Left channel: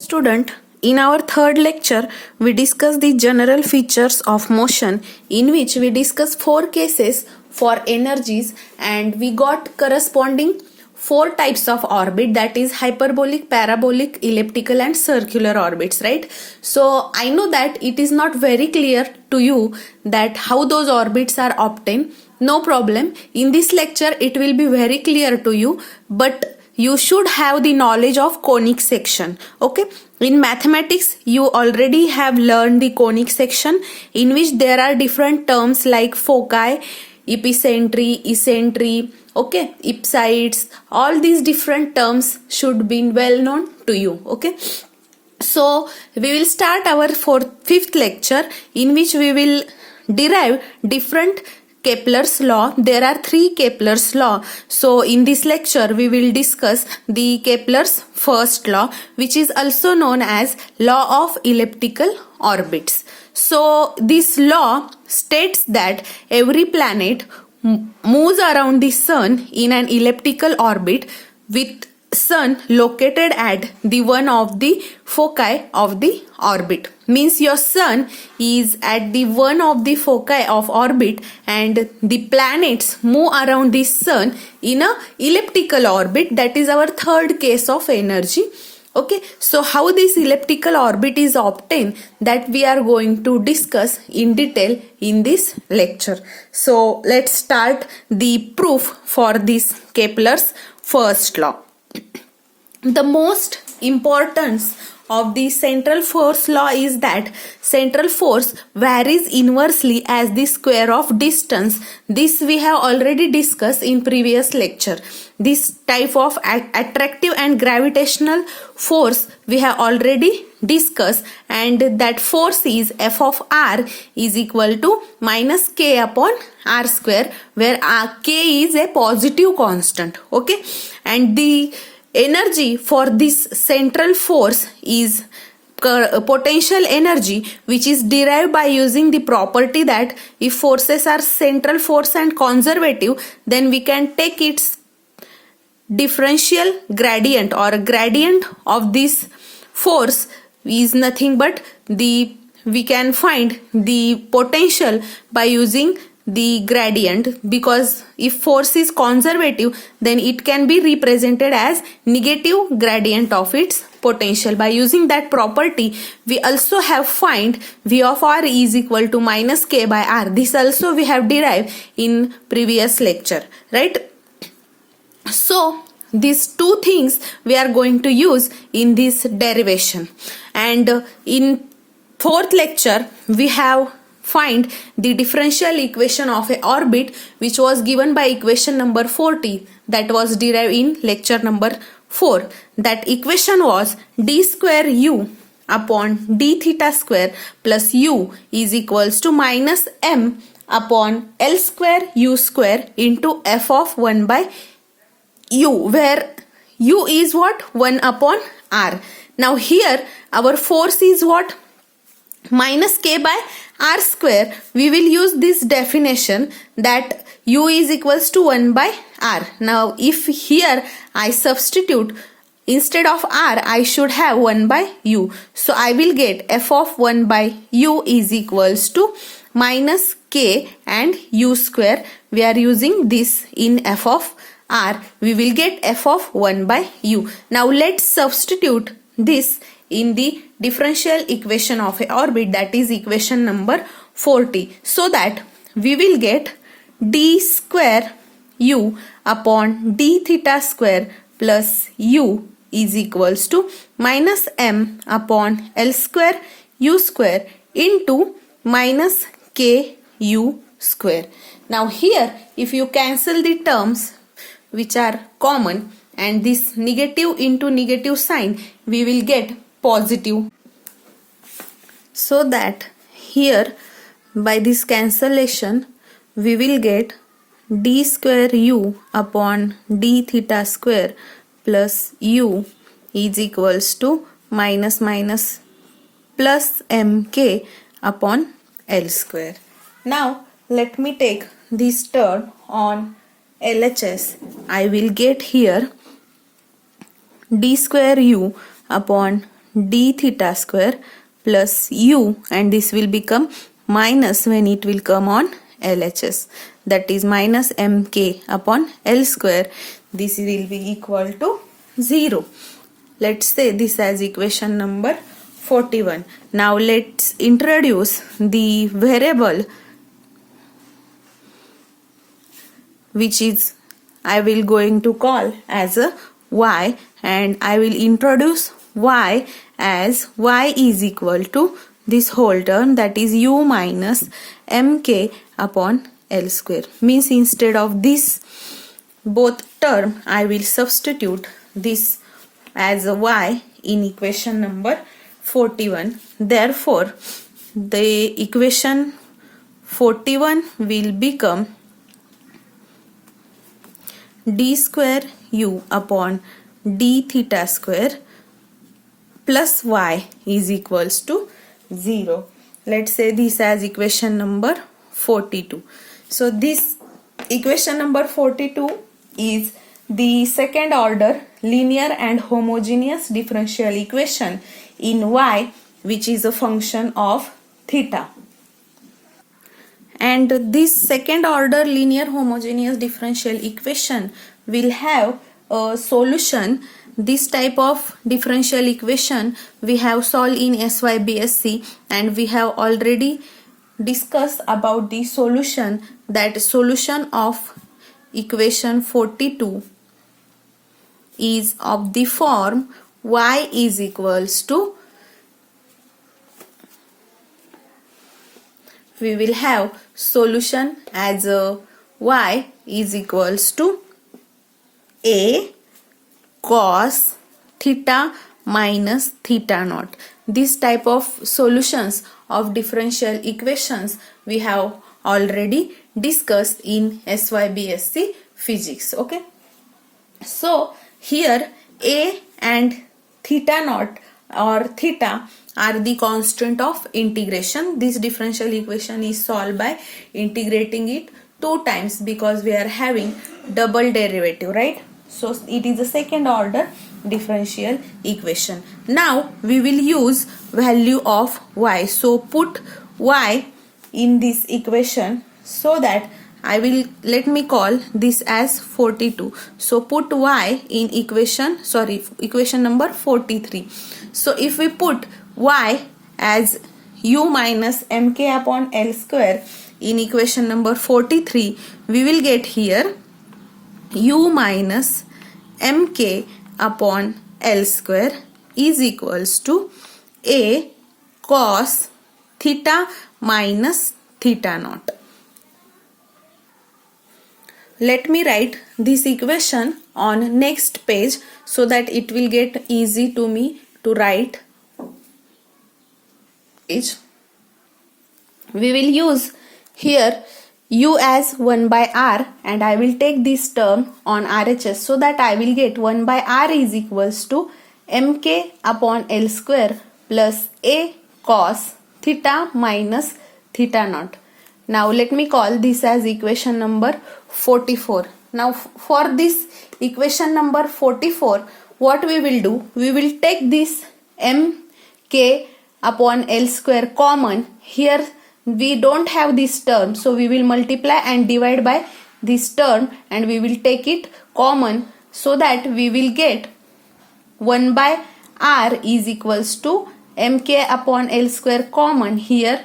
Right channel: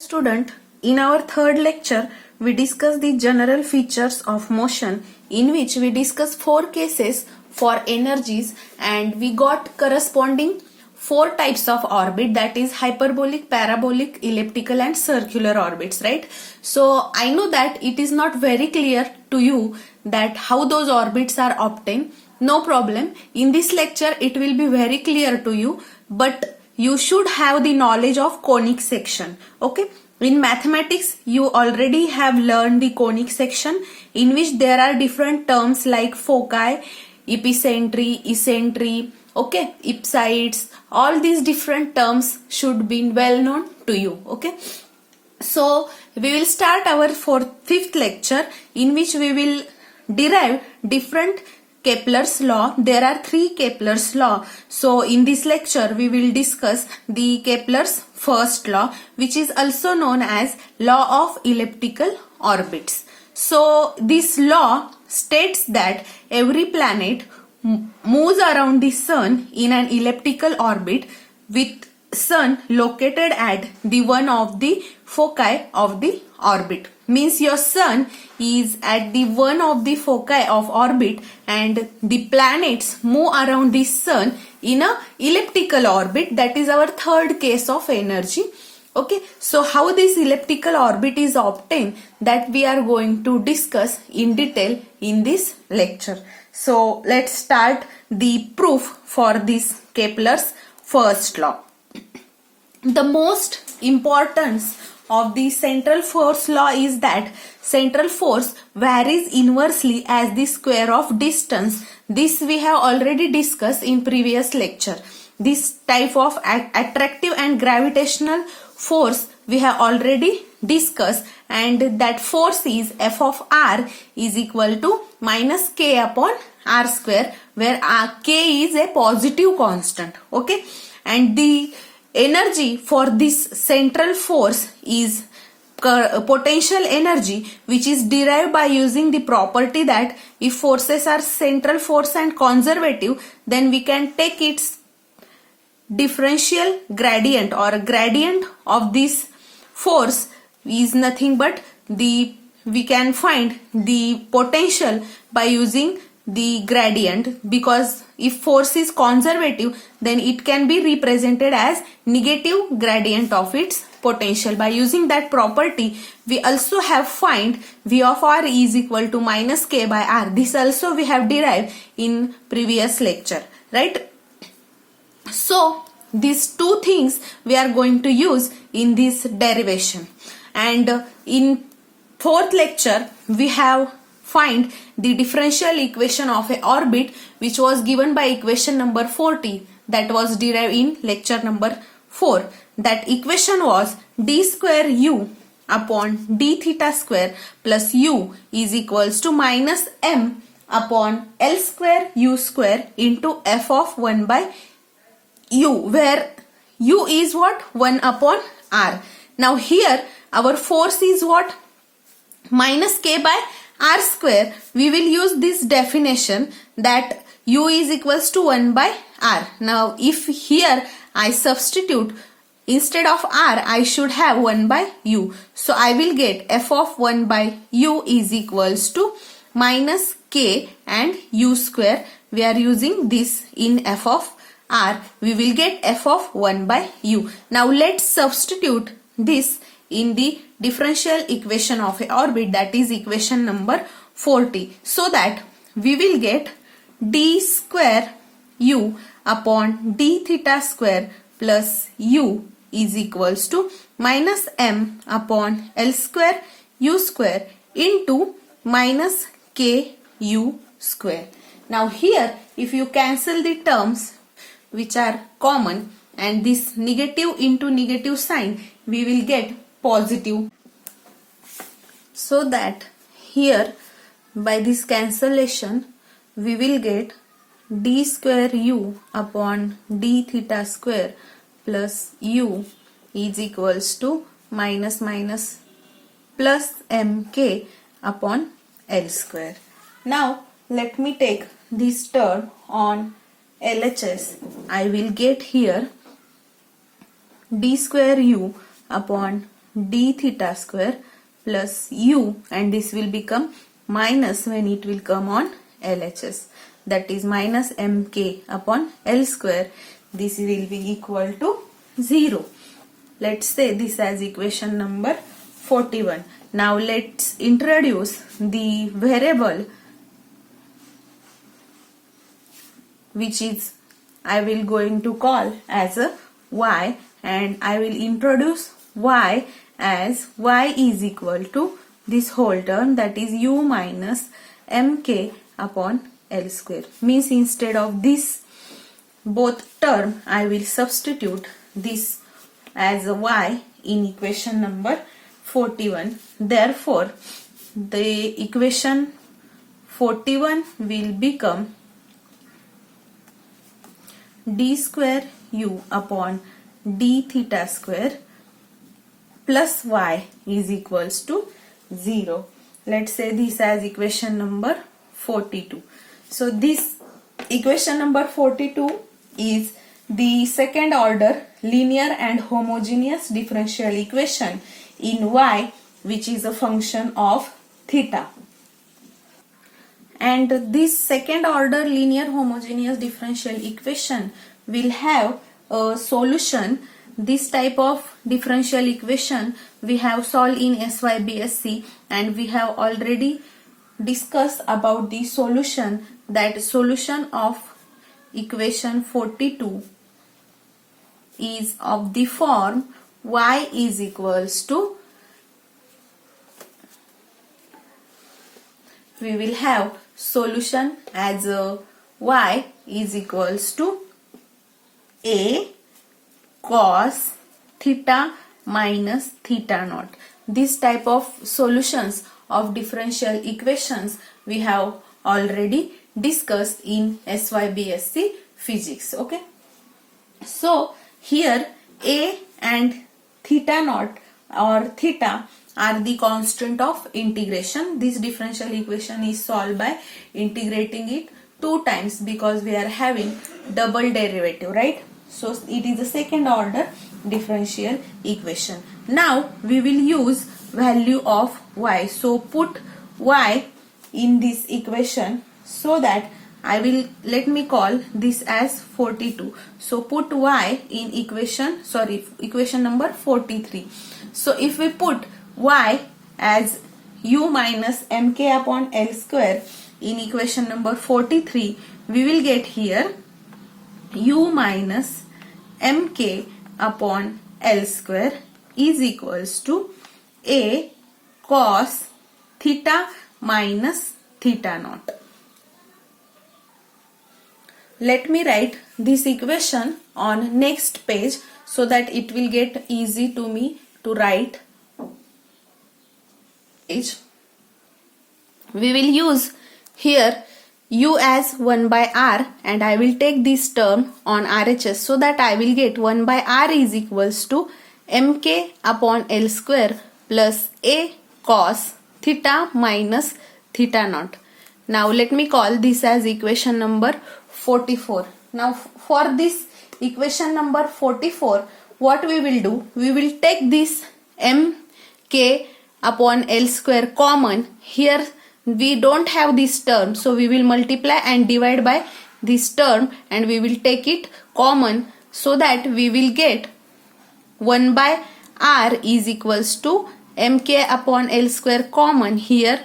Student, in our third lecture, we discuss the general features of motion, in which we discuss 4 cases for energies, and we got corresponding 4 types of orbit, that is hyperbolic, parabolic, elliptical and circular orbits, right? So I know that it is not very clear to you that how those orbits are obtained. No problem. In this lecture, it will be very clear to you, but you should have the knowledge of conic section. Okay, in mathematics you already have learned the conic section, in which there are different terms like foci, epicentry, eccentricity, okay, ipsides. All these different terms should be well known to you. Okay, so we will start our fifth lecture, in which we will derive different Kepler's law. There are 3 Kepler's law. So in this lecture we will discuss the Kepler's first law, which is also known as law of elliptical orbits. So this law states that every planet moves around the sun in an elliptical orbit, with sun located at the one of the foci of the orbit. Means your sun is at the one of the foci of orbit, and the planets move around the sun in a elliptical orbit. That is our third case of energy. Okay, so how this elliptical orbit is obtained, that we are going to discuss in detail in this lecture. So let's start the proof for this Kepler's first law. The most importance of the central force law is that central force varies inversely as the square of distance. This we have already discussed in previous lecture. This type of attractive and gravitational force we have already discussed, and that force is F of r is equal to minus k upon r square, where k is a positive constant. Okay, and the energy for this central force is potential energy, which is derived by using the property that if forces are central force and conservative, then we can take its differential gradient, or gradient of this force is nothing but we can find the potential by using the gradient, because if force is conservative, then it can be represented as negative gradient of its potential. By using that property, we also have find V of r is equal to minus k by r. This also we have derived in previous lecture, right? So these 2 things we are going to use in this derivation, and in 4th lecture we have find the differential equation of a orbit, which was given by equation number 40, that was derived in lecture number 4. That equation was d square u upon d theta square plus u is equals to minus m upon l square u square into f of 1 by u, where u is what? 1 upon r. Now here our force is what? Minus k by r square. We will use this definition that u is equals to 1 by r. Now if here I substitute, instead of r I should have 1 by u. So I will get f of 1 by u is equals to minus k and u square. We are using this in f of r. We will get f of 1 by u. Now let's substitute this in the differential equation of a orbit, that is equation number 40, so that we will get d square u upon d theta square plus u is equals to minus m upon l square u square into minus k u square. Now here if you cancel the terms which are common, and this negative into negative sign, we will get positive. So that here by this cancellation we will get d square u upon d theta square plus u is equals to minus minus plus mk upon l square. Now let me take this term on LHS. I will get here d square u upon d theta square plus u, and this will become minus when it will come on LHS, that is minus mk upon L square. This will be equal to 0. Let's say this as equation number 41. Now let's introduce the variable which is I will going to call as a y, and I will introduce y as y is equal to this whole term, that is u minus mk upon L square. Means instead of this both term I will substitute this as a y in equation number 41. Therefore the equation 41 will become d square u upon d theta square plus y is equals to 0. Let's say this as equation number 42. So this equation number 42 is the second order linear and homogeneous differential equation in y, which is a function of theta. And this second order linear homogeneous differential equation will have a solution. This type of differential equation we have solved in SYBSC, and we have already discussed about the solution, that solution of equation 42 is of the form y is equals to, we will have solution as a y is equals to a cos theta minus theta naught. This type of solutions of differential equations we have already discussed in SYBSC physics. Okay, so here a and theta naught or theta are the constant of integration. This differential equation is solved by integrating it 2 times because we are having double derivative, right? So it is the second order differential equation. Now we will use value of y. So put y in this equation, so that I will, let me call this as 42. So put y in equation number 43. So if we put y as u minus mk upon L square in equation number 43, we will get here u minus mk upon L square is equals to a cos theta minus theta naught. Let me write this equation on next page so that it will get easy to me to write. We will use here u as 1 by r, and I will take this term on RHS, so that I will get 1 by r is equals to mk upon L square plus a cos theta minus theta naught. Now let me call this as equation number 44. Now for this equation number 44, what we will do, we will take this mk upon L square common. Here we don't have this term, so we will multiply and divide by this term, and we will take it common, so that we will get 1 by r is equals to mk upon L square common. Here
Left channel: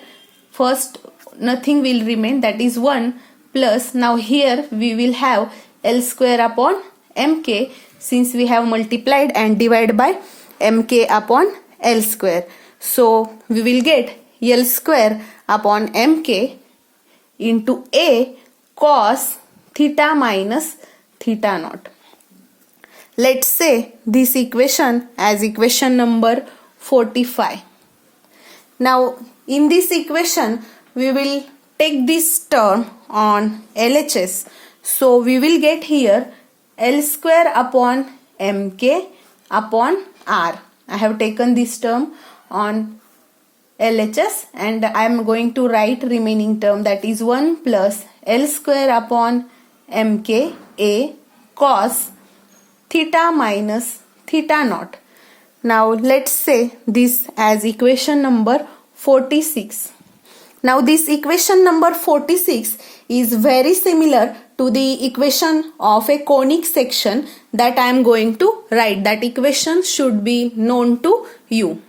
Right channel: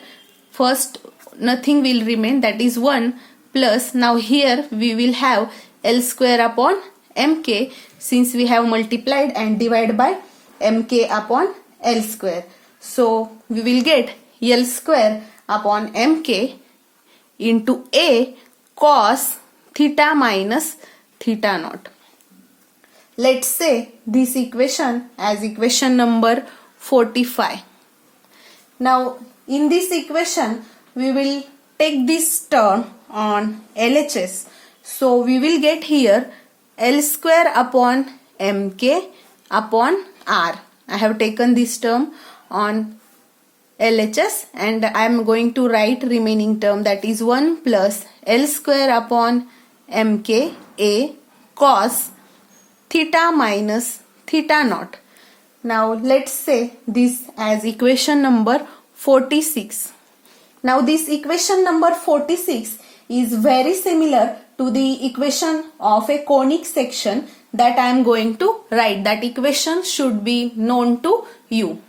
first nothing will remain, that is 1, plus now here we will have L square upon mk, since we have multiplied and divided by mk upon L square. So we will get L square upon mk into a cos theta minus theta naught. Let's say this equation as equation number 45. Now in this equation we will take this term on LHS. So we will get here L square upon mk upon r. I have taken this term on LHS, and I am going to write remaining term, that is 1 plus L square upon mk a cos theta minus theta naught. Now let's say this as equation number 46. Now this equation number 46 is very similar to the equation of a conic section that I am going to write. That equation should be known to you.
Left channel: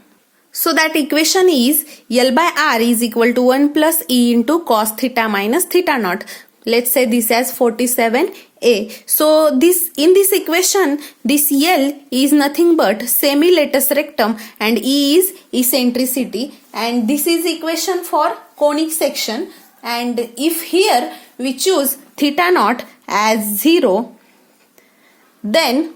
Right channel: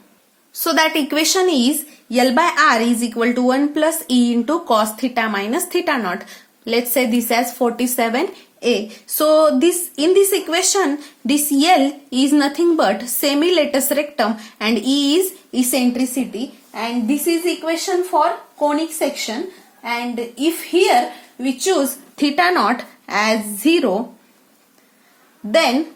So that equation is L by R is equal to 1 plus E into cos theta minus theta naught. Let's say this as 47a. So this in this equation, this L is nothing but semi-latus rectum and E is eccentricity, and this is equation for conic section. And if here we choose theta naught as 0, then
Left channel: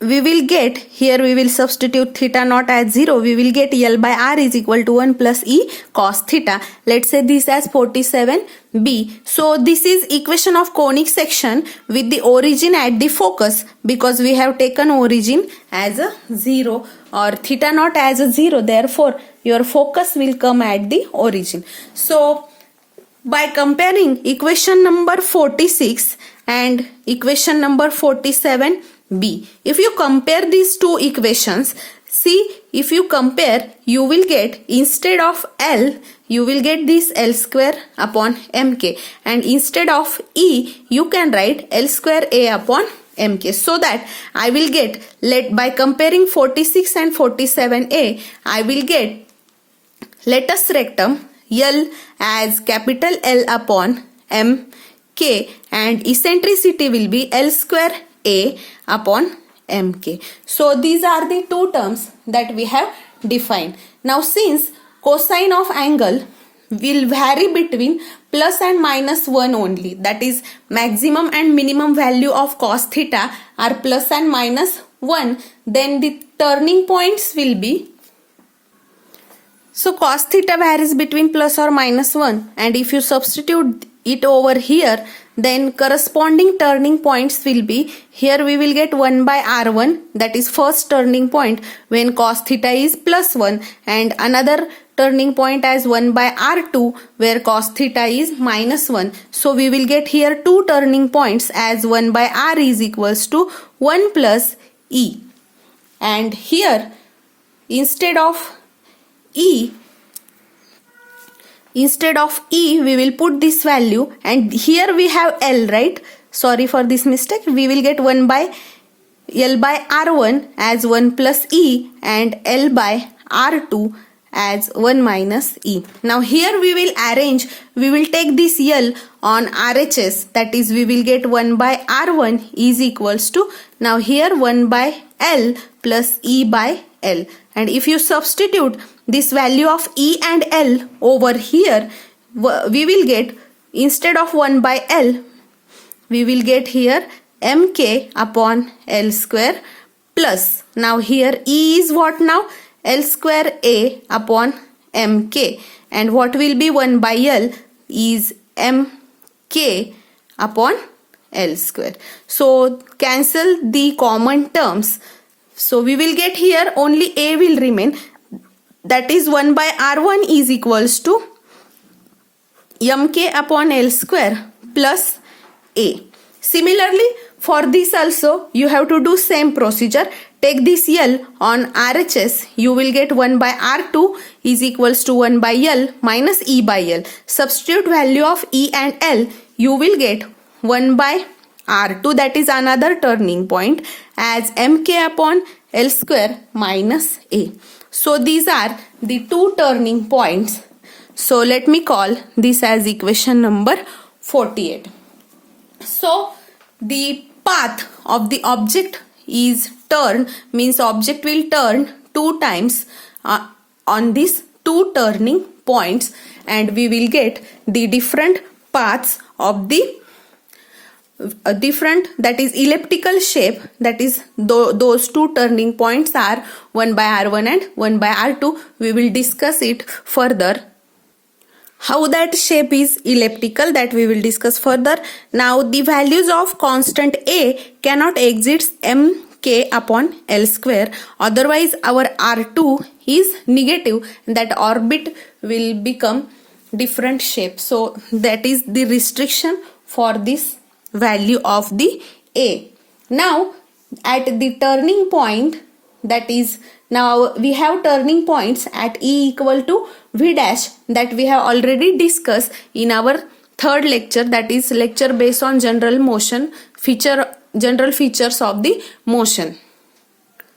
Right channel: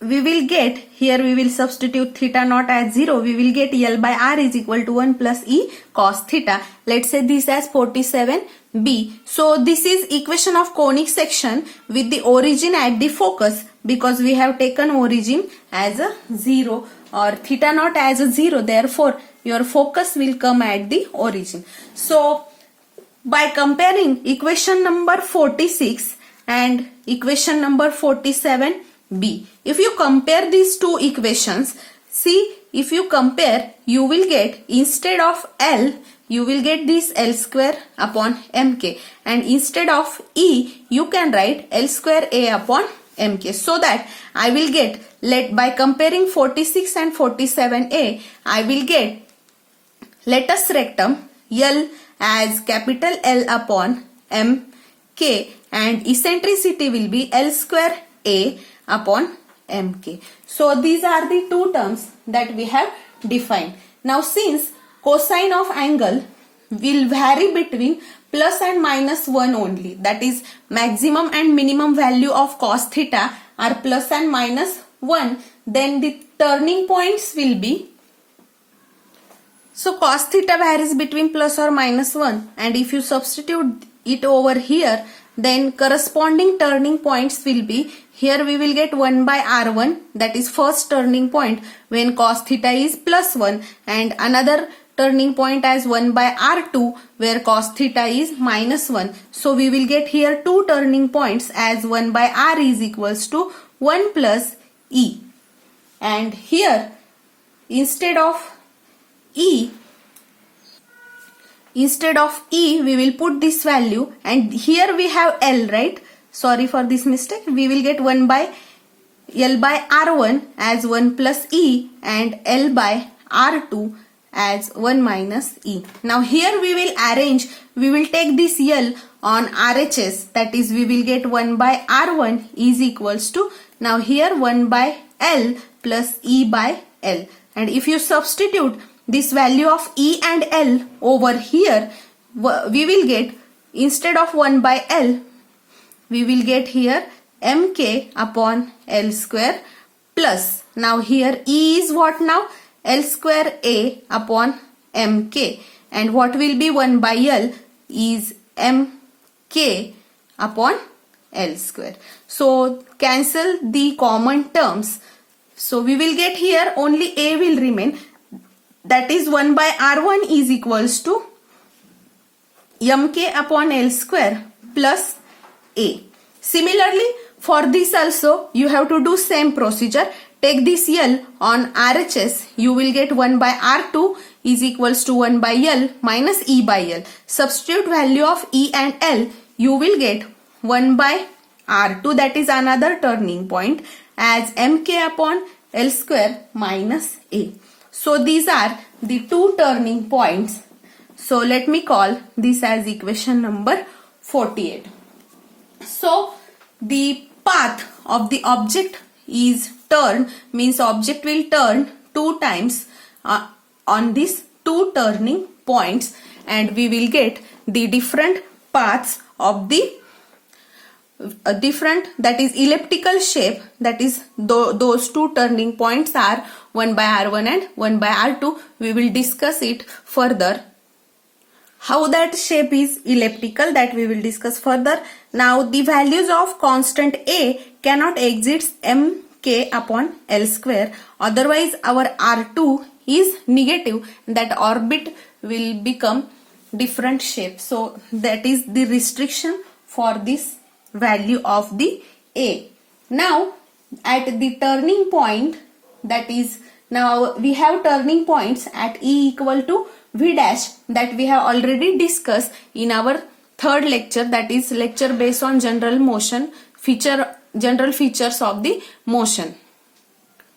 we will get, here we will substitute theta naught as 0, we will get L by R is equal to 1 plus E cos theta. Let's say this as 47b. So this is equation of conic section with the origin at the focus, because we have taken origin as a 0 or theta naught as a 0. Therefore, your focus will come at the origin. So by comparing equation number 46 and equation number 47b, if you compare these two equations, see, if you compare, you will get, instead of L, you will get this L square upon mk, and instead of E, you can write L square A upon mk. So that I will get, by comparing 46 and 47a, I will get latus rectum L as capital L upon mk, and eccentricity will be L square A upon mk. So these are the two terms that we have defined. Now since cosine of angle will vary between plus and minus 1 only, that is maximum and minimum value of cos theta are plus and minus 1, then the turning points will be, so cos theta varies between plus or minus 1, and if you substitute it over here, then corresponding turning points will be, here we will get 1 by R1, that is first turning point when cos theta is plus 1, and another turning point as 1 by R2 where cos theta is minus 1. So we will get here two turning points as 1 by R is equals to 1 plus E. And here instead of E, we will put this value, and here we have L, right? Sorry for this mistake. We will get 1 by L by R1 as 1 plus E, and L by R2 as 1 minus E. Now here we will arrange, we will take this L on RHS, that is we will get 1 by R1 is equals to, now here 1 by L plus E by L. And if you substitute this value of E and L over here, we will get, instead of 1 by L, we will get here mk upon L square plus, now here E is what now? L square A upon mk, and what will be 1 by L is mk upon L square. So cancel the common terms. So we will get here only A will remain, that is 1 by R1 is equals to mk upon L square plus A. Similarly, for this also you have to do same procedure. Take this L on RHS, you will get 1 by R2 is equals to 1 by L minus E by L. Substitute value of E and L, you will get 1 by R2, that is another turning point, as mk upon L square minus A. So these are the two turning points. So let me call this as equation number 48. So the path of the object is turn, means object will turn 2 times on these two turning points, and we will get the different paths of the different, that is elliptical shape, that is those two turning points are 1 by R1 and 1 by R2. We will discuss it further. How that shape is elliptical, that we will discuss further. Now the values of constant A cannot exceed mk upon L square, otherwise our R2 is negative, that orbit will become different shape. So that is the restriction for this value of the A. Now at the turning point, that is, now we have turning points at E equal to V dash that we have already discussed in our third lecture, that is lecture based on general features of the motion.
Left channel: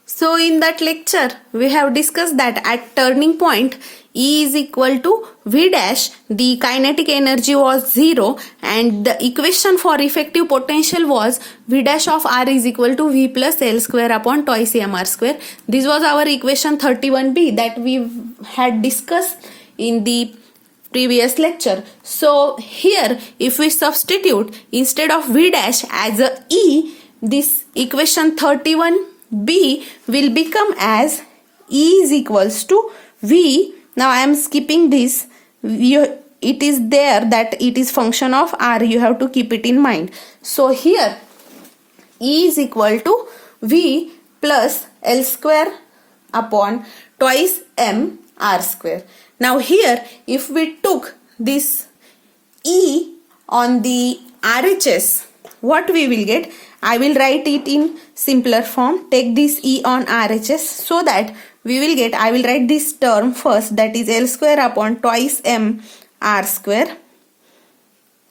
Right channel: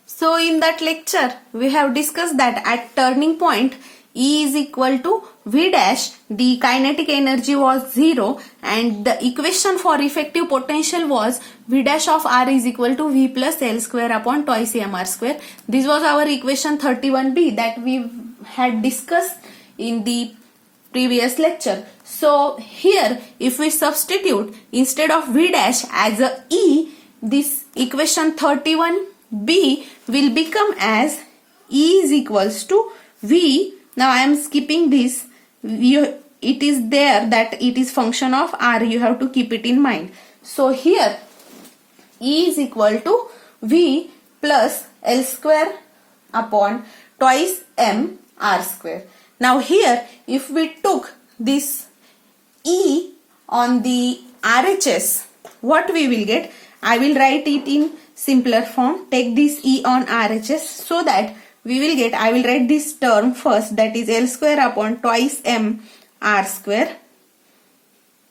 So in that lecture we have discussed that at turning point E is equal to V dash, the kinetic energy was 0 and the equation for effective potential was V dash of R is equal to V plus L square upon twice mr square. This was our equation 31b that we had discussed in the previous lecture. So here if we substitute instead of V dash as a E, this equation 31b will become as E is equals to V. Now I am skipping this. It is there that it is function of R. You have to keep it in mind. So here E is equal to V plus L square upon twice m R square. Now here if we took this E on the RHS, what we will get? I will write it in simpler form. Take this E on RHS so that we will get, I will write this term first, that is L square upon twice m R square.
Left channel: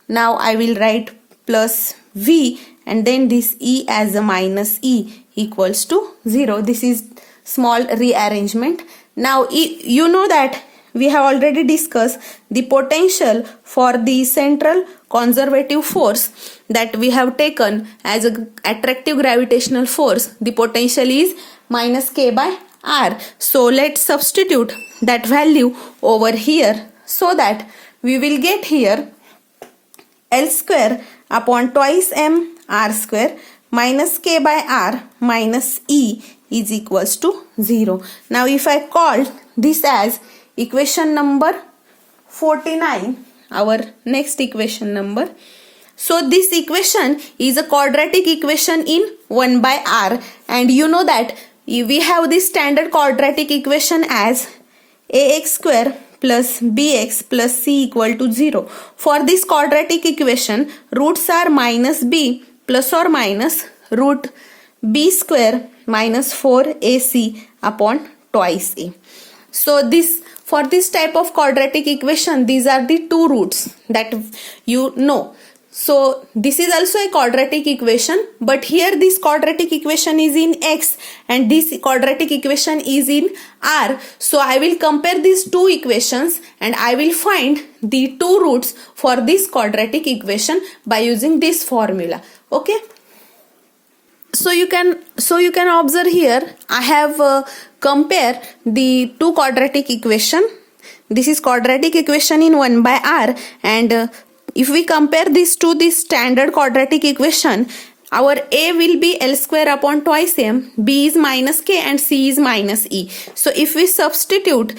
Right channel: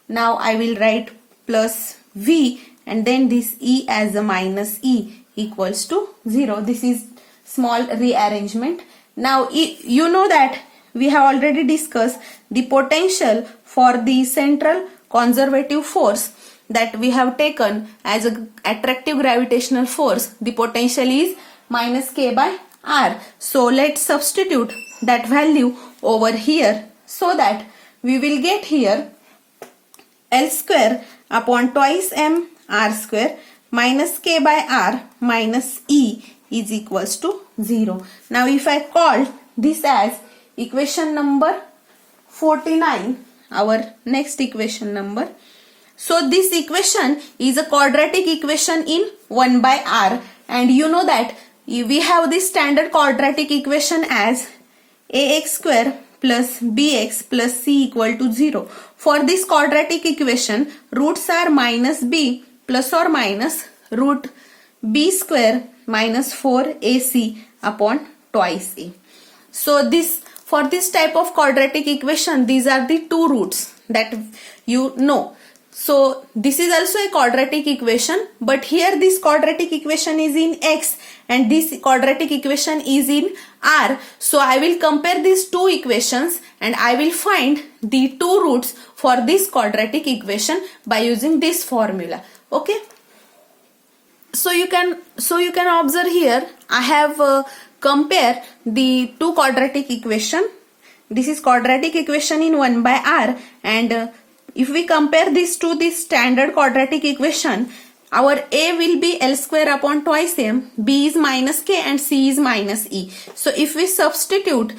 Now I will write plus V and then this E as a minus E equals to 0. This is small rearrangement. Now you know that we have already discussed the potential for the central conservative force that we have taken as an attractive gravitational force. The potential is minus K by R. So let's substitute that value over here so that we will get here L square upon twice m R square minus K by R minus E is equals to 0. Now if I call this as equation number 49, our next equation number. So this equation is a quadratic equation in 1 by R, and you know that we have this standard quadratic equation as ax square plus bx plus c equal to 0. For this quadratic equation, roots are minus b plus or minus root b square minus 4ac upon twice a. So for this type of quadratic equation, these are the two roots that you know. So this is also a quadratic equation, but here this quadratic equation is in x and this quadratic equation is in r. So I will compare these two equations and I will find the two roots for this quadratic equation by using this formula. Okay. So you can observe here I have compare the two quadratic equation. This is quadratic equation in 1 by r, and if we compare this to this standard quadratic equation, our a will be L square upon twice m, b is minus k and c is minus e. So if we substitute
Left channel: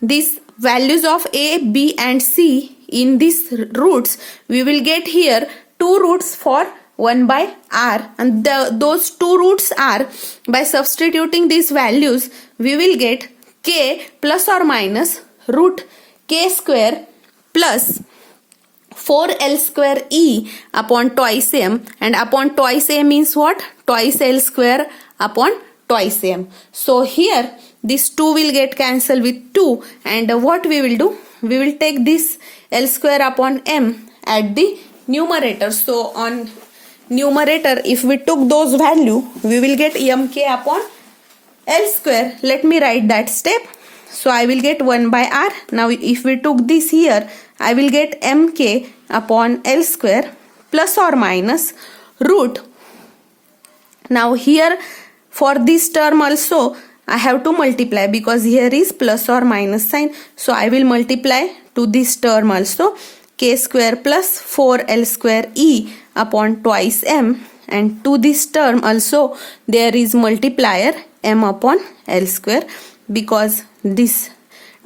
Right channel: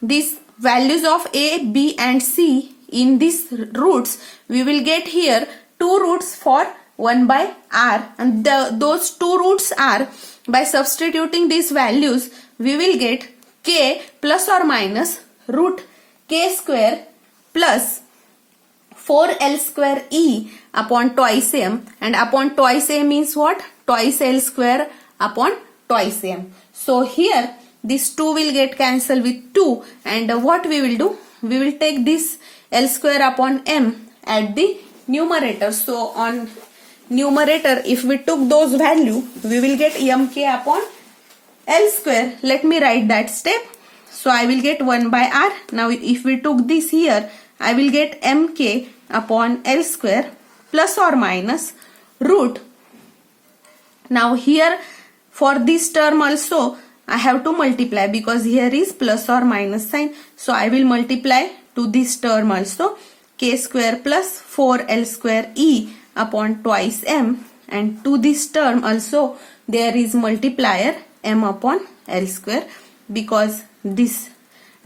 these values of a, b and c in these roots, we will get here two roots for 1 by r, and those two roots are, by substituting these values, we will get k plus or minus root k square plus 4L square E upon twice m, and upon twice m means what? Twice L square upon twice m. So here this 2 will get cancelled with 2, and what we will do? We will take this L square upon m at the numerator. So on numerator, if we took those value, we will get mk upon L square. Let me write that step. So I will get 1 by r. Now if we took this here, I will get mk upon L square plus or minus root. Now here for this term also I have to multiply because here is plus or minus sign. So I will multiply to this term also, k square plus 4L square E upon twice m, and to this term also there is multiplier m upon L square because this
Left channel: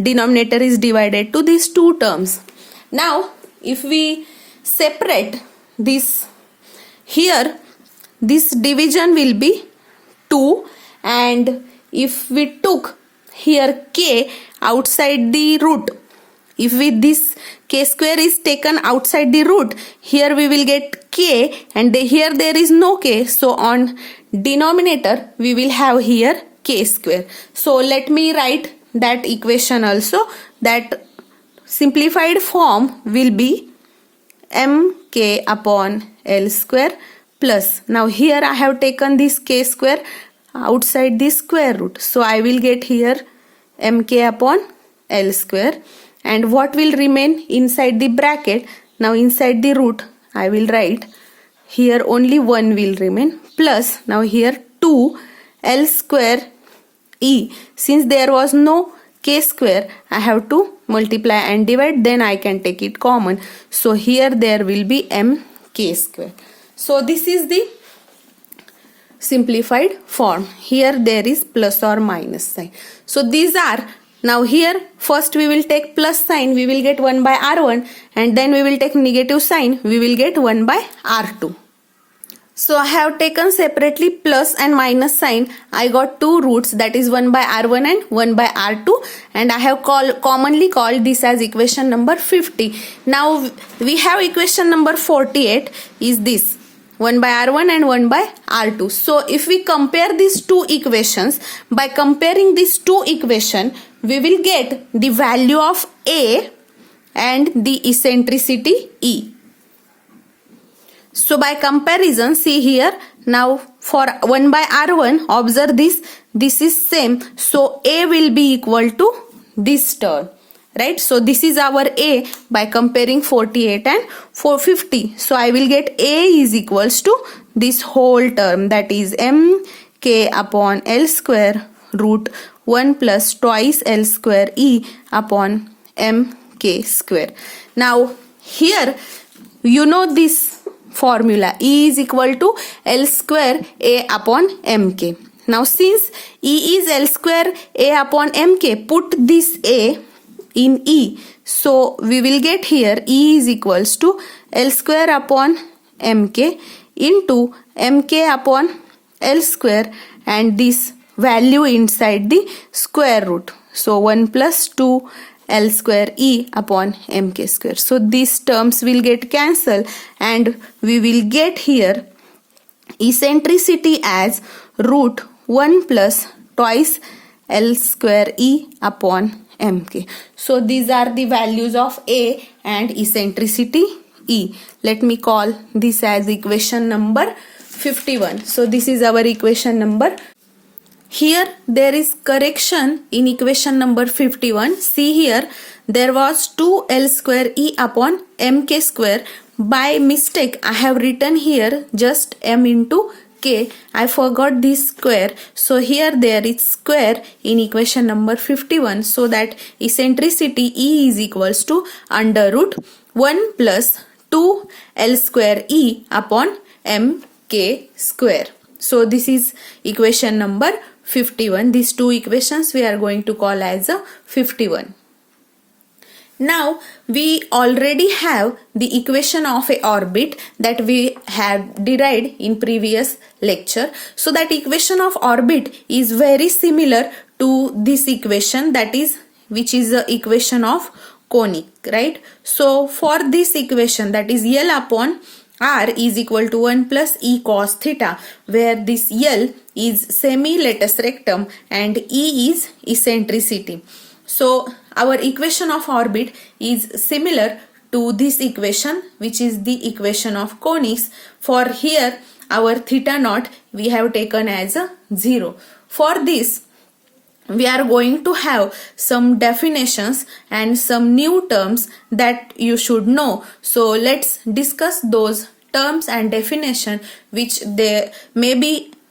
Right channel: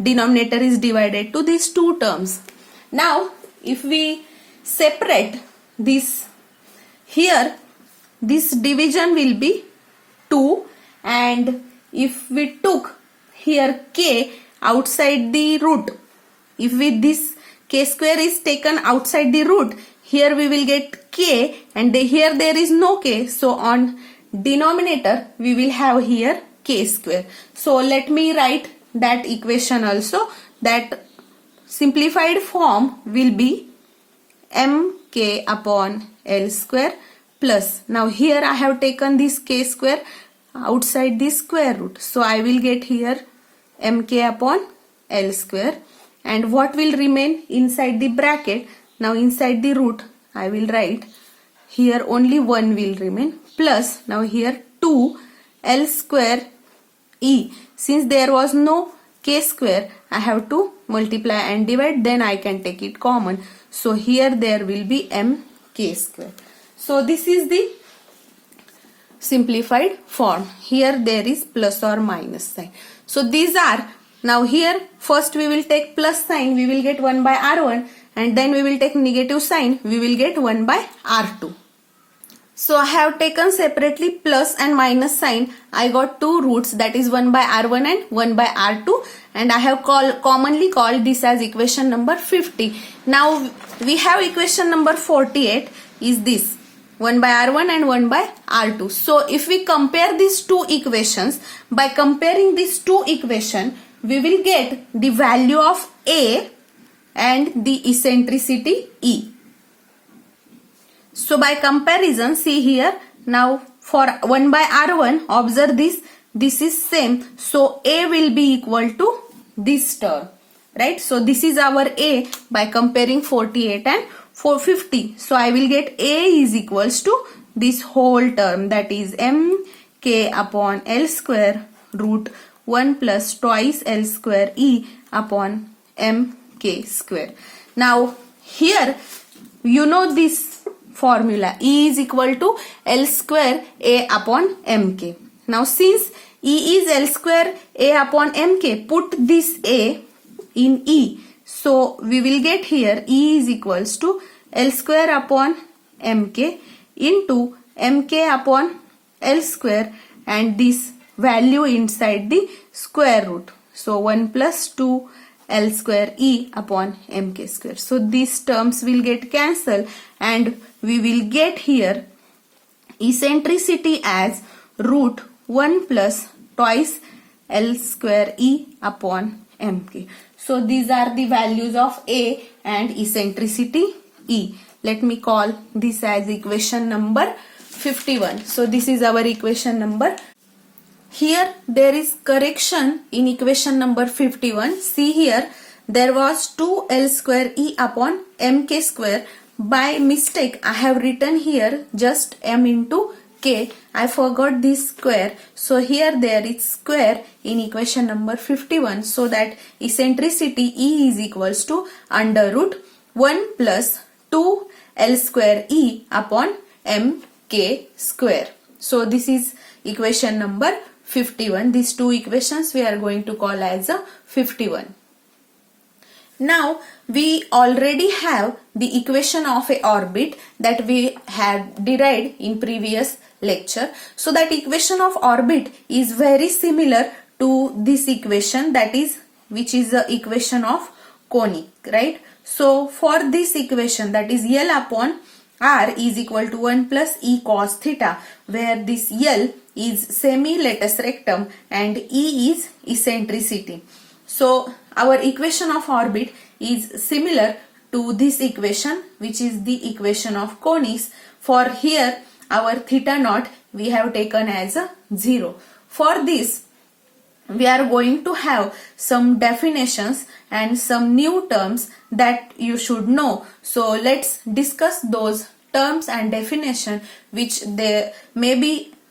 denominator is divided to these two terms. Now if we separate this, here this division will be 2, and if we took here k outside the root, if this k square is taken outside the root, here we will get k, and here there is no k. So on denominator we will have here k square. So let me write that equation also. That simplified form will be mk upon L square plus, now here I have taken this k square outside this square root, so I will get here mk upon L square, and what will remain inside the bracket, now inside the root I will write here only 1 will remain, plus now here 2 L square e, since there was no k square I have to multiply and divide, then I can take it common, so here there will be mk square. So this is the simplified form. Here there is plus or minus sign. So these are, now here first we will take plus sign, we will get 1 by r1, and then we will take negative sign, we will get 1 by r2. So I have taken separately plus and minus sign. I got two roots, that is 1 by r1 and 1 by r2, and I have commonly called this as equation number 50. Now we have equation number 48 is this 1 by r1 and 1 by r2. So if we compare these two equations, by comparing these two equations, we will get the value of a and the eccentricity e. So by comparison, see here, now for 1 by r1, observe this is same, so a will be equal to this term, right? So this is our a by comparing 48 and 450. So I will get a is equals to this whole term, that is mk upon L square root 1 plus twice L square e upon mk square. Now here you know this formula, E is equal to L square A upon mk. Now since E is L square A upon mk, put this A in E. So we will get here E is equals to L square upon mk into mk upon L square, and this value inside the square root. So 1 plus 2 L square e upon mk square. So these terms will get cancelled, and we will get here eccentricity as root 1 plus twice L square e upon mk. So these are the values of a and eccentricity e. Let me call this as equation number 51. So this is our equation number. Here there is correction in equation number 51. See here, there was 2 L square e upon mk square. By mistake I have written here just m into k. I forgot this square. So here there is square in equation number 51. So that eccentricity e is equals to under root 1 plus 2 L square e upon mk square. So this is equation number 51. These two equations we are going to call as a 51. Now we already have the equation of a orbit that we had derived in previous lecture. So that equation of orbit is very similar to this equation, that is, which is the equation of conic, right? So for this equation, that is L upon R is equal to 1 plus E cos theta, where this L is semi-latus rectum and E is eccentricity. So our equation of orbit is similar to this equation, which is the equation of conics. For here our theta naught we have taken as a 0. For this we are going to have some definitions and some new terms that you should know. So let's discuss those terms and definition which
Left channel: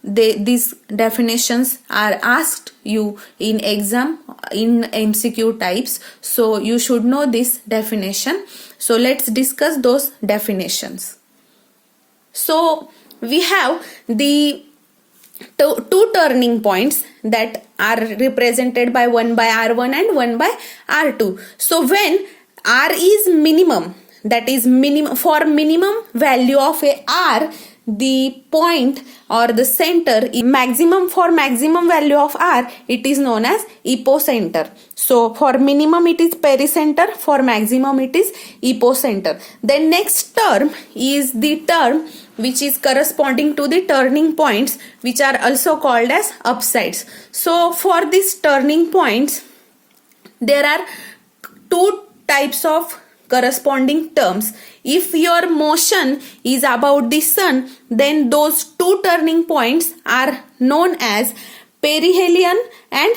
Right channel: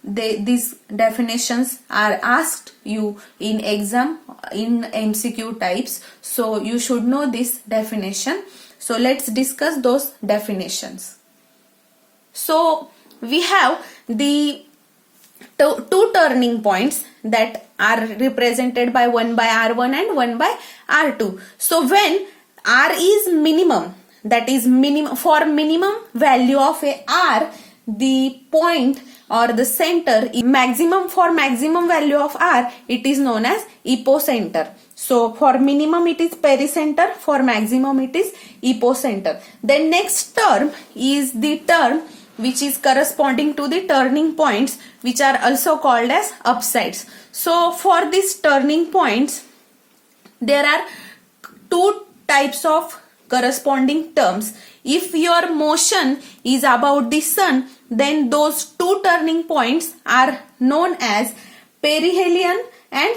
these definitions are asked you in exam in MCQ types. So you should know this definition. So let's discuss those definitions. So we have the two turning points that are represented by 1 by r1 and 1 by r2. So when r is minimum, that is for minimum value of a r, the point or the center is maximum. For maximum value of r, it is known as epicenter. So for minimum it is pericenter, for maximum it is epicenter. Then next term is the term which is corresponding to the turning points, which are also called as upsides. So for these turning points, there are two types of corresponding terms. If your motion is about the sun, then those two turning points are known as perihelion and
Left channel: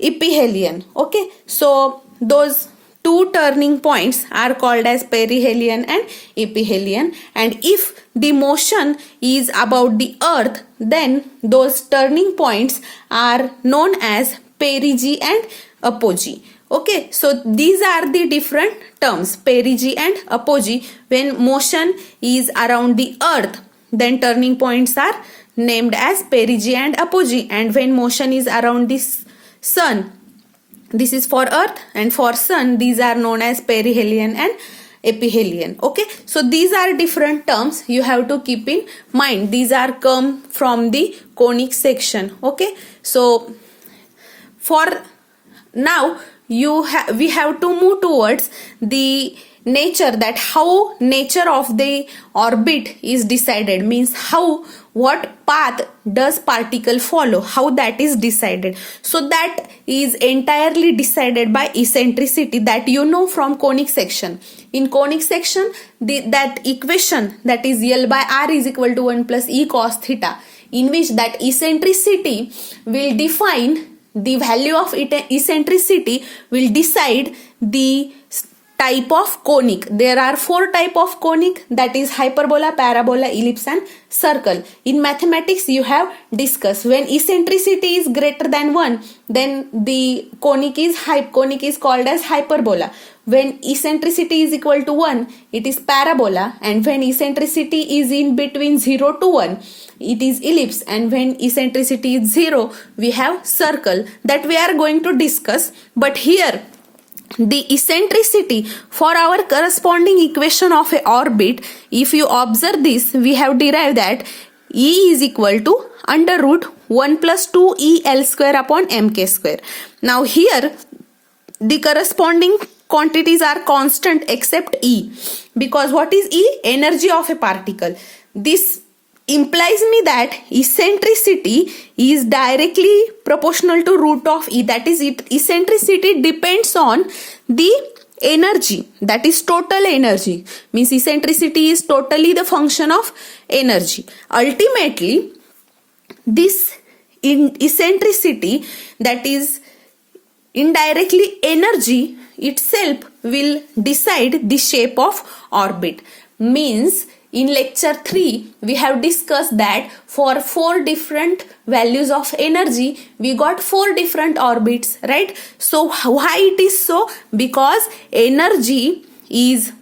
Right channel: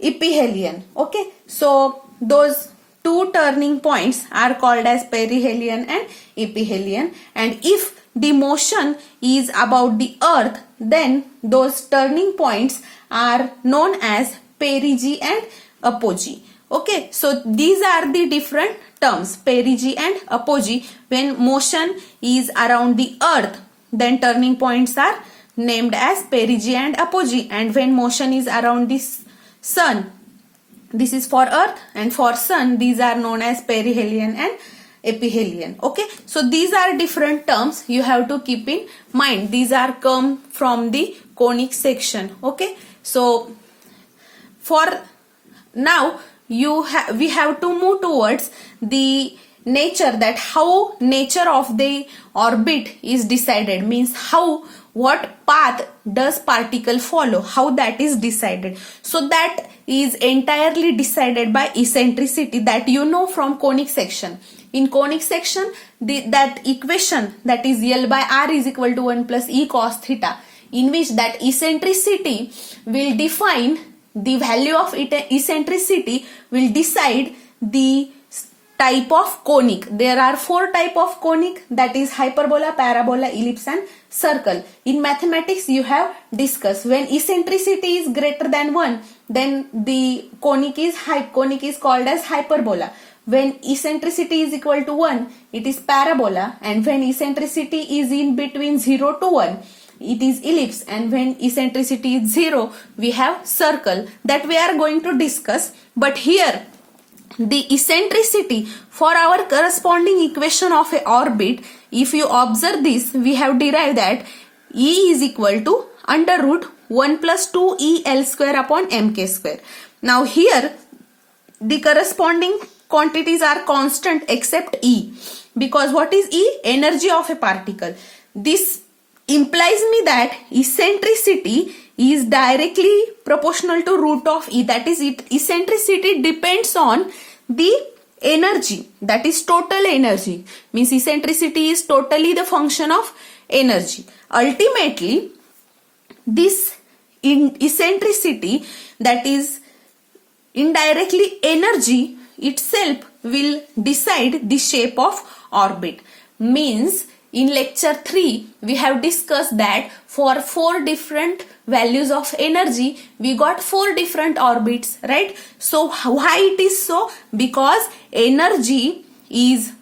ephelion. Okay, so those two turning points are called as perihelion and ephelion, and if the motion is about the earth, then those turning points are known as perigee and apogee. Okay, so these are the different terms, perigee and apogee. When motion is around the earth, then turning points are named as perigee and apogee, and when motion is around the sun, this is for earth, and for sun these are known as perihelion and ephelion. Okay, so these are different terms you have to keep in mind. These are come from the conic section. Okay, so for now we have to move towards the nature, that how nature of the orbit is decided, means how, what path does particle follow, how that is decided. So that is entirely decided by eccentricity, that you know from conic section. In conic section, that equation, that is L by R is equal to 1 plus E cos theta, in which that eccentricity will define the value of eccentricity, will decide the type of conic. There are four type of conic, that is hyperbola, parabola, ellipse and circle. In mathematics you have discussed, when eccentricity is greater than 1, then the conic is called as hyperbola. When eccentricity is equal to 1, it is parabola, and when eccentricity is in between 0 to 1, it is ellipse, and when eccentricity is 0, we have circle, that we are going to discuss. But here the eccentricity for our corresponding equation of a orbit, if you observe this, we have derived that E is equal to under root 1 plus 2 E L square upon mk square. Now here the corresponding quantities are constant except E, because what is E? Energy of a particle. This implies me that eccentricity is directly proportional to root of E, that is eccentricity depends on the energy, that is total energy, means eccentricity is totally the function of energy. Ultimately this eccentricity, that is indirectly energy itself, will decide the shape of orbit. Means in lecture 3 we have discussed that for 4 different values of energy we got 4 different orbits, right? So why it is so? Because energy is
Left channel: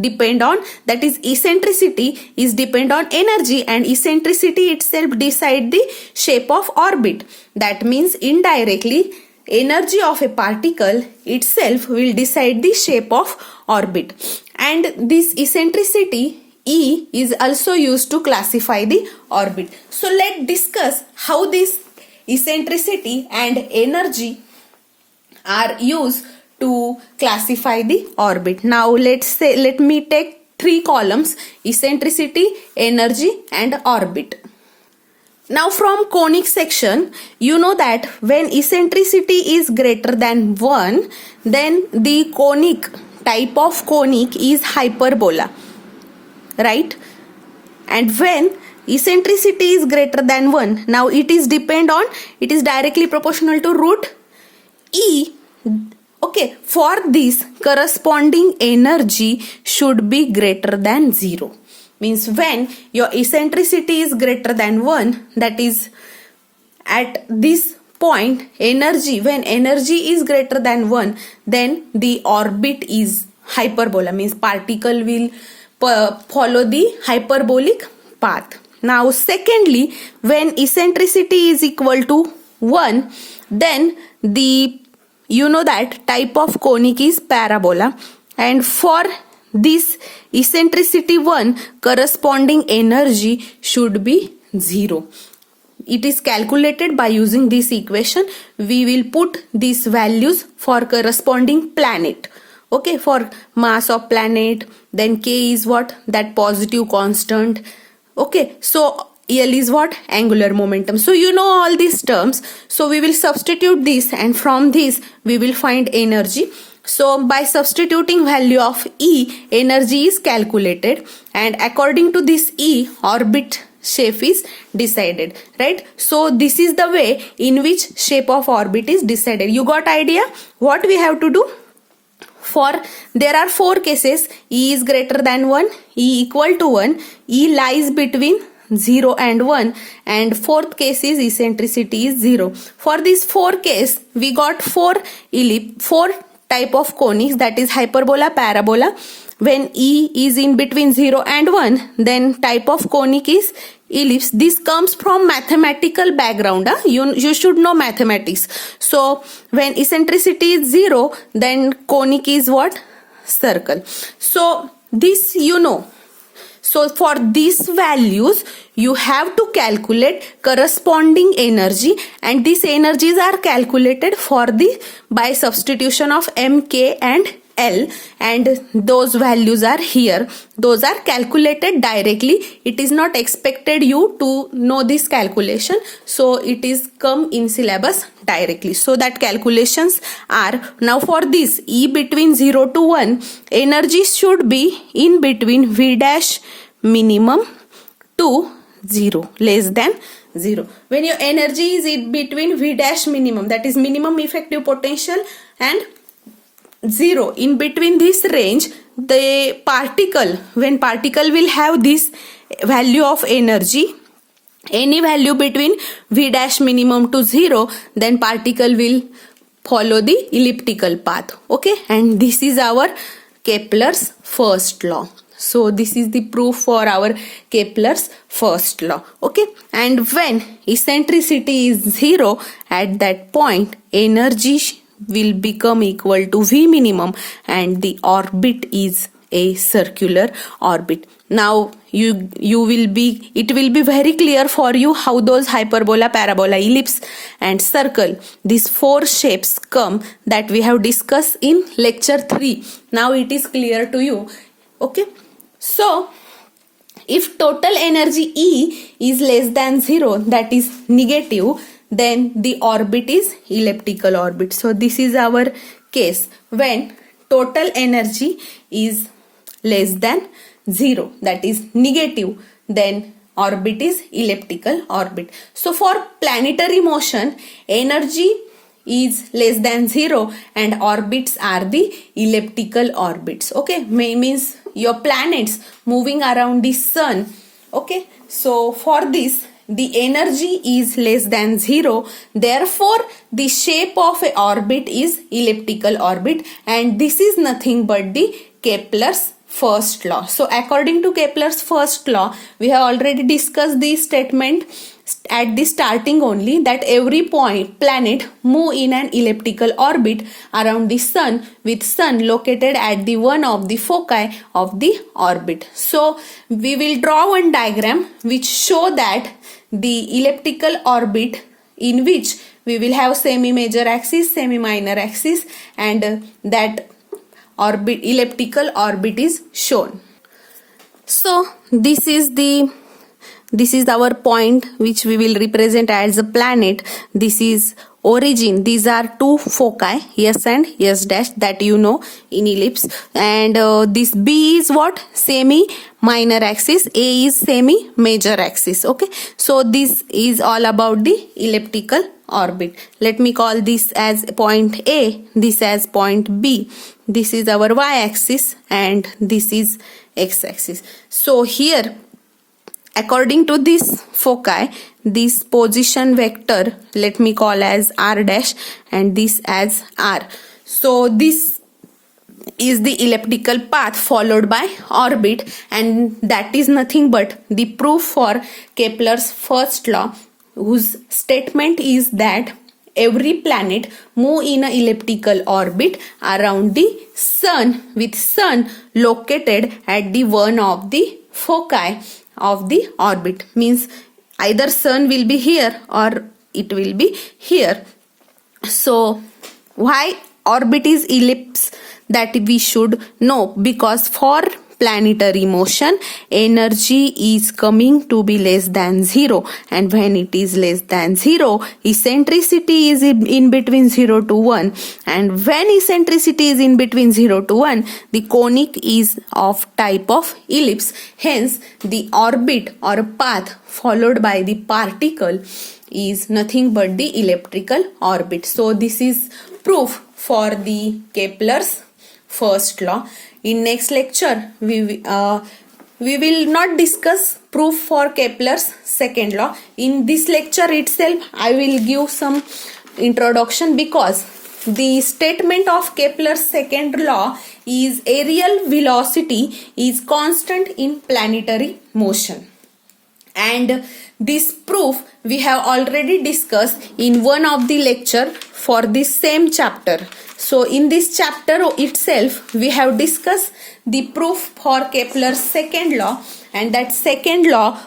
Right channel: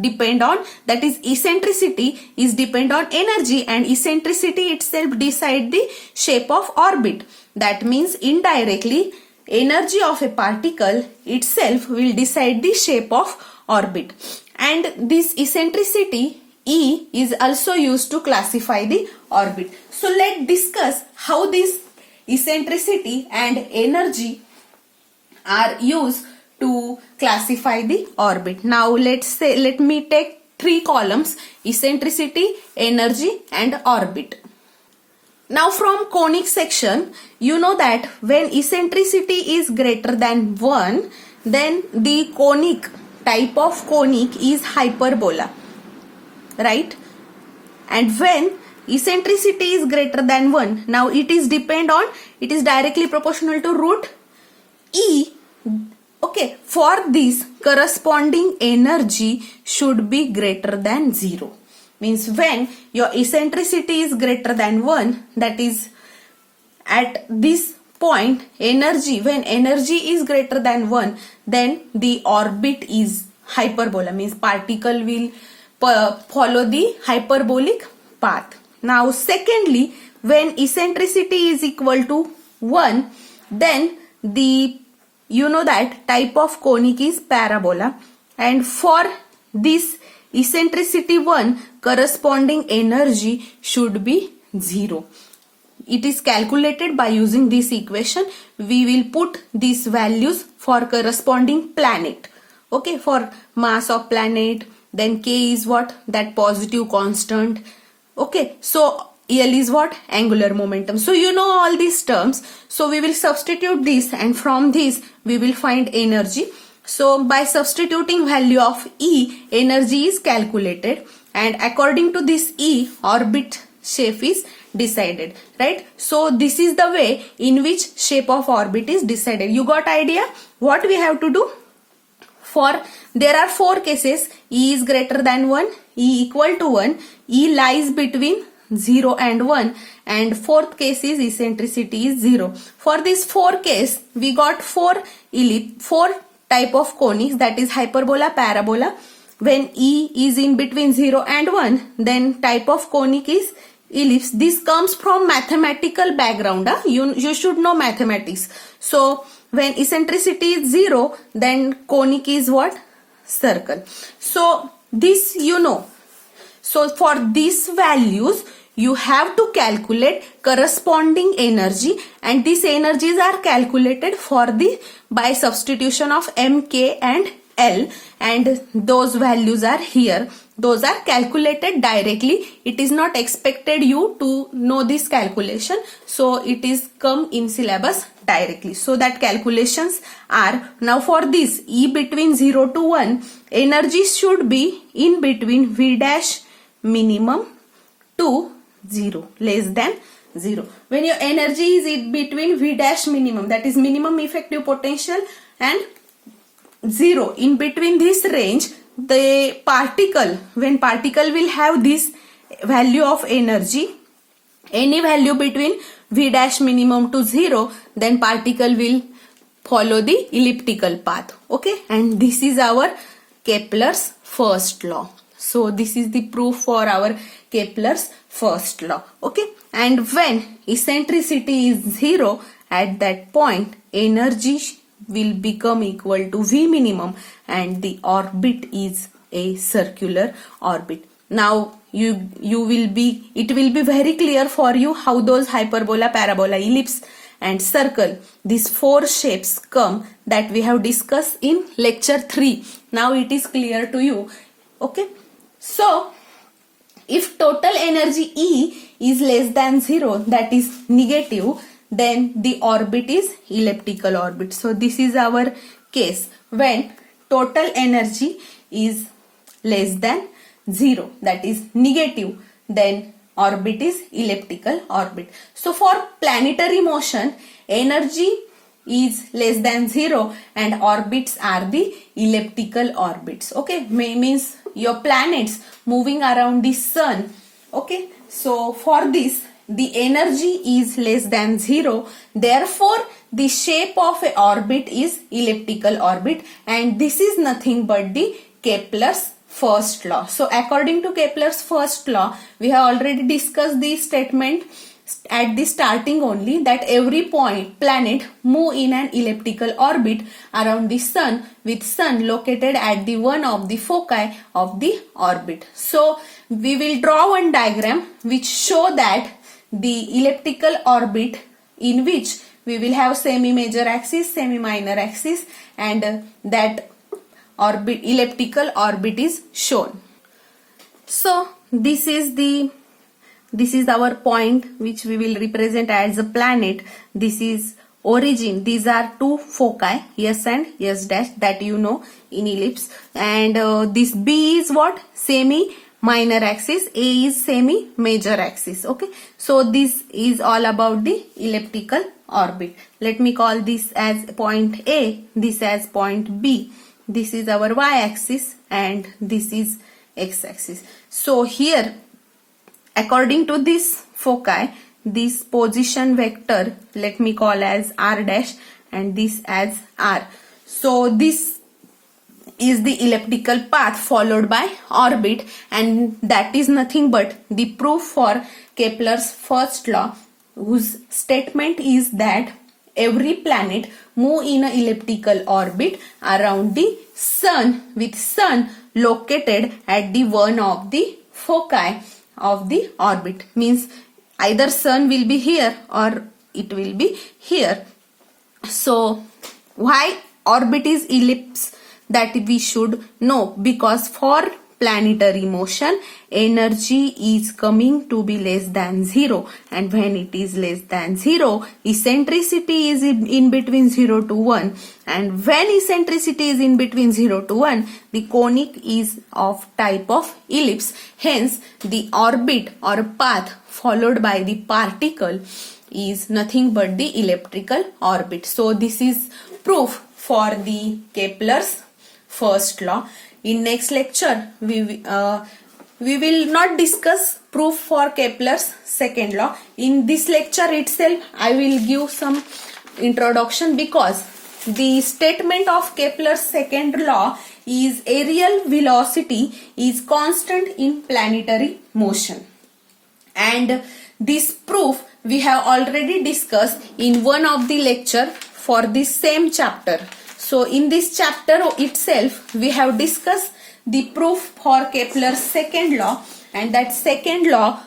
depend on, that is eccentricity is depend on energy, and eccentricity itself decide the shape of orbit. That means indirectly energy of a particle itself will decide the shape of orbit, and this eccentricity E is also used to classify the orbit. So let's discuss how this eccentricity and energy are used to classify the orbit. Now let me take 3 columns: eccentricity, energy and orbit. Now from conic section, you know that when eccentricity is greater than 1, then the conic type of conic is hyperbola, right? And when eccentricity is greater than 1, now it is directly proportional to root E. Okay, for this corresponding energy should be greater than 0. Means when your eccentricity is greater than 1, that is at this point when energy is greater than 1, then the orbit is hyperbola, means particle will follow the hyperbolic path. Now secondly, when eccentricity is equal to 1, then you know that type of conic is parabola, and for this eccentricity 1, corresponding energy should be 0. It is calculated by using this equation. We will put these values for corresponding planet. Okay, for mass of planet, then k is what? That positive constant. Okay, so L is what? Angular momentum. So you know all these terms. So we will substitute this, and from this we will find energy. So by substituting value of E, energy is calculated, and according to this E, orbit shape is decided, right? So this is the way in which shape of orbit is decided. You got idea what we have to do? For there are 4 cases, E is greater than 1, E equal to 1, E lies between 0 and 1, and fourth case is eccentricity is 0. For this 4 case, we got 4 type of conics, that is hyperbola, parabola. When E is in between 0 and 1, then type of conic is ellipse. This comes from mathematical background. You should know mathematics. So when eccentricity is 0, then conic is what? Circle. So this you know. So for these values, you have to calculate corresponding energy, and these energies are calculated by substitution of M, K and L, and those values are here. Those are calculated directly. It is not expected you to know this calculation. So it is come in syllabus directly. So that calculations are, now for this E between 0 to 1, energy should be in between V dash minimum to 0, less than 0. When your energy is in between V dash minimum, that is minimum effective potential, and 0, in between this range, the particle, when particle will have this value of energy, any value between V dash minimum to 0, then particle will follow the elliptical path. Okay, and this is our Kepler's first law. So this is the proof for our Kepler's first law. Okay, and when eccentricity is 0, at that point energy will become equal to V minimum, and the orbit is a circular orbit. Now it will be very clear for you how those hyperbola, parabola, ellipse and circle, these 4 shapes come, that we have discussed in lecture 3. Now it is clear to you. Okay, so if total energy E is less than 0, that is negative, then the orbit is elliptical orbit. So this is our case when total energy is less than 0, that is negative, then orbit is elliptical orbit. So for planetary motion, energy is less than 0 and orbits are the elliptical orbits. Okay, means your planets moving around the sun. Okay, so for this, the energy is less than 0, therefore the shape of a orbit is elliptical orbit, and this is nothing but the Kepler's first law. So according to Kepler's first law, we have already discussed this statement at the starting only, that every planet move in an elliptical orbit around the sun, with sun located at the one of the foci of the orbit. So we will draw one diagram which show that the elliptical orbit, in which we will have semi-major axis, semi-minor axis, and that elliptical orbit is shown. So this is our point which we will represent as a planet. This is origin. These are 2 foci, S and S dash, that you know in ellipse, and this B is what? Semi-minor axis, A is semi-major axis. Okay, so this is all about the elliptical orbit. Let me call this as point A, this as point B. This is our y-axis and this is x-axis. So here, according to this foci, this position vector, let me call as r dash and this as r. So this is the elliptical path followed by orbit, and that is nothing but the proof for Kepler's first law, whose statement is that every planet move in an elliptical orbit around the sun, with sun located at the one of the foci of the orbit. Means either sun will be here or it will be here. So why orbit is ellipse? that we should know, because for planetary motion energy is coming to be less than 0, and when it is less than 0, eccentricity is in between 0 to 1, and when eccentricity is in between 0 to 1, the conic is of type of ellipse. Hence the orbit or path followed by the particle is nothing but the elliptical orbit. So this is proof for the Kepler's first law. In next lecture, we will not discuss proof for Kepler's second law. In this lecture itself, I will give some introduction, because the statement of Kepler's second law is aerial velocity is constant in planetary motion. And this proof we have already discussed in one of the lecture for this same chapter. So in this chapter itself, we have discussed the proof for Kepler's second law, and that second law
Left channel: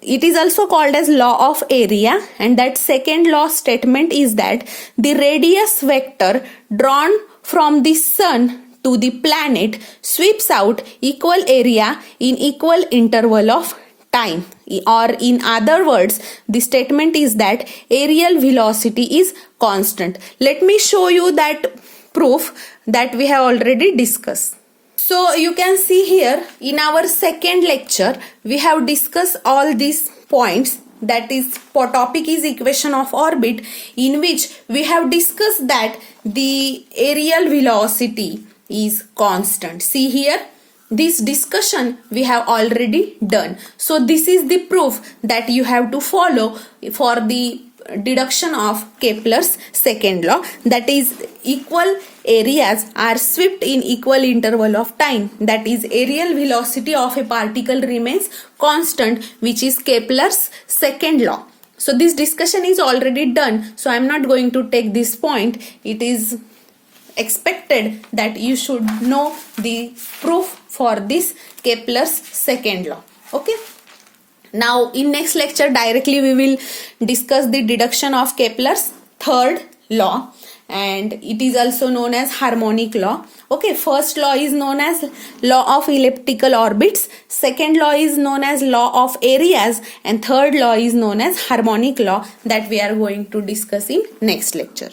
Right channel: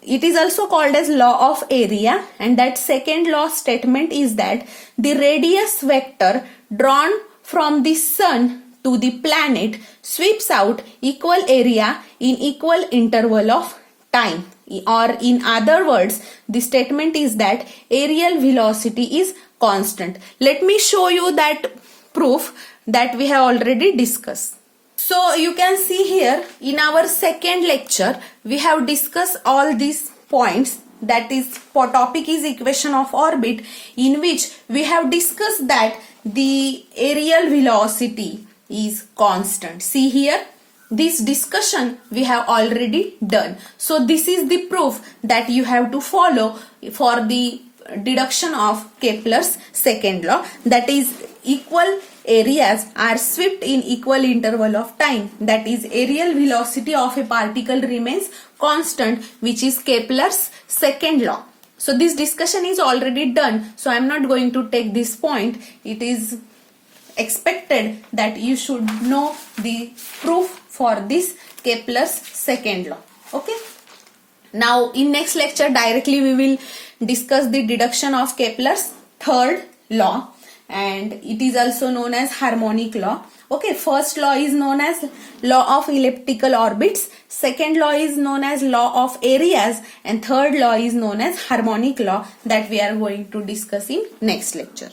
it is also called as law of area, and that second law statement is that the radius vector drawn from the sun to the planet sweeps out equal area in equal interval of time, or in other words, the statement is that aerial velocity is constant. Let me show you that proof that we have already discussed. So you can see here in our second lecture, we have discussed all these points. That is, topic is equation of orbit, in which we have discussed that the aerial velocity is constant. See here, this discussion we have already done. So this is the proof that you have to follow for the deduction of Kepler's second law, that is equal areas are swept in equal interval of time, that is aerial velocity of a particle remains constant, which is Kepler's second law. So this discussion is already done, so I am not going to take this point. It is expected that you should know the proof for this Kepler's second law. Okay. Now in next lecture directly we will discuss the deduction of Kepler's third law, and it is also known as harmonic law. Okay, first law is known as law of elliptical orbits, second law is known as law of areas, and third law is known as harmonic law, that we are going to discuss in next lecture.